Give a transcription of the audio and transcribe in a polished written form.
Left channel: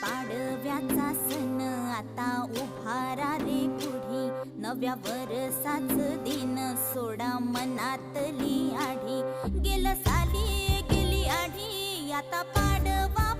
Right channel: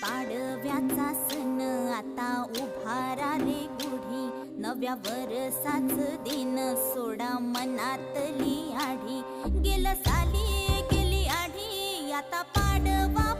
पाडव्याचा सण आता उभारा रे गुढी, नव्या वरसाच दिन सोडा मनातली आढी. गेलं साली गेली आढी, आता पाडवा